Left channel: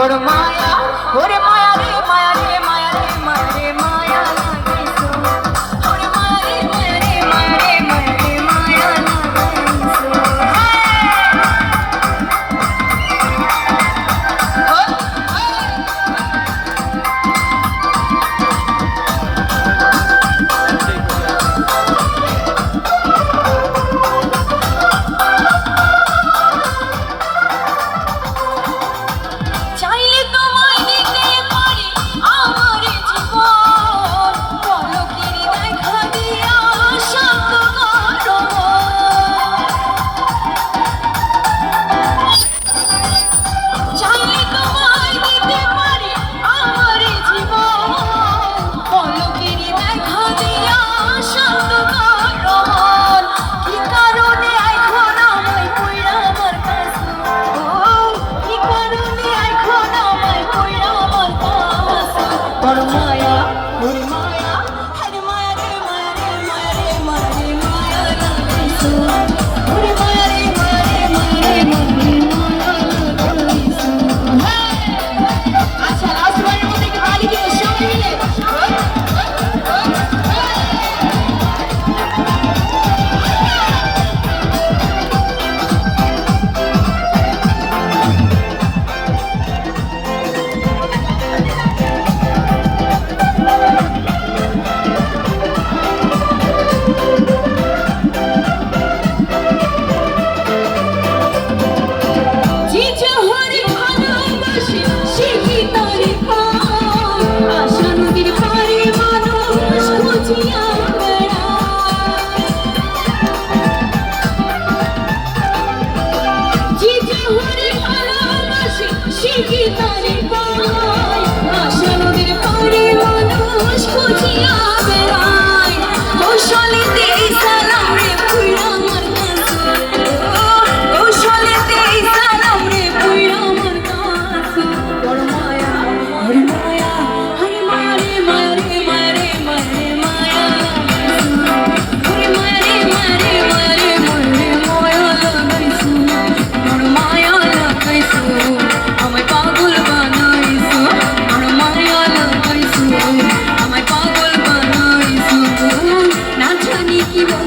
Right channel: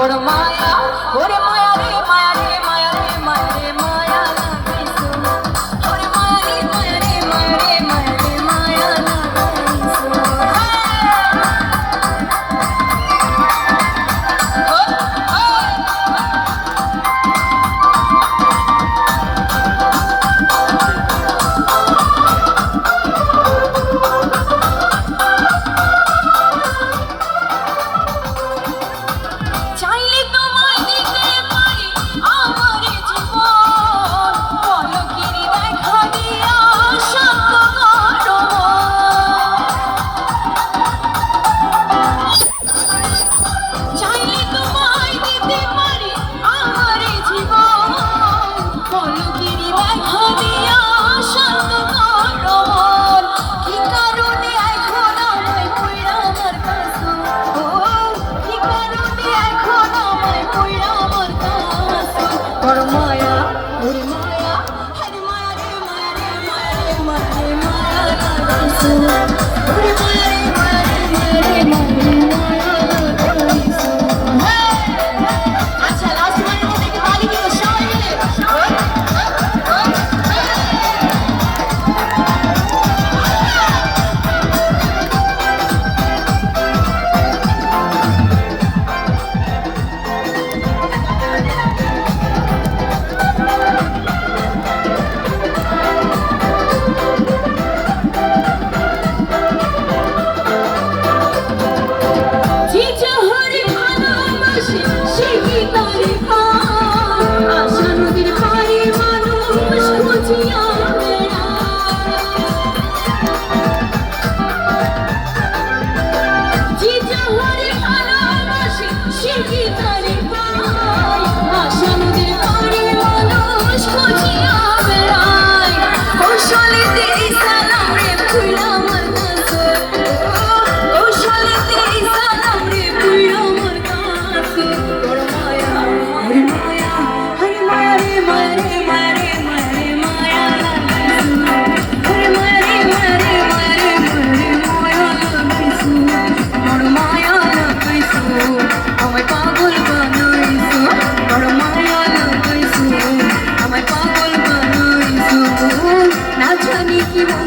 তোর মায়া ওরে por mí.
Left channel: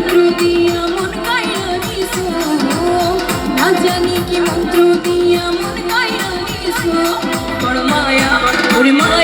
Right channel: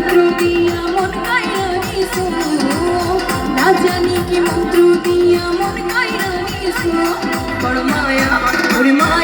মন্ত্র দিয়া মন কাইরা কিছু না জানি কি মন্ত্র দিয়া মন কাইরা কিছু ওর মায়া ওর মায়া।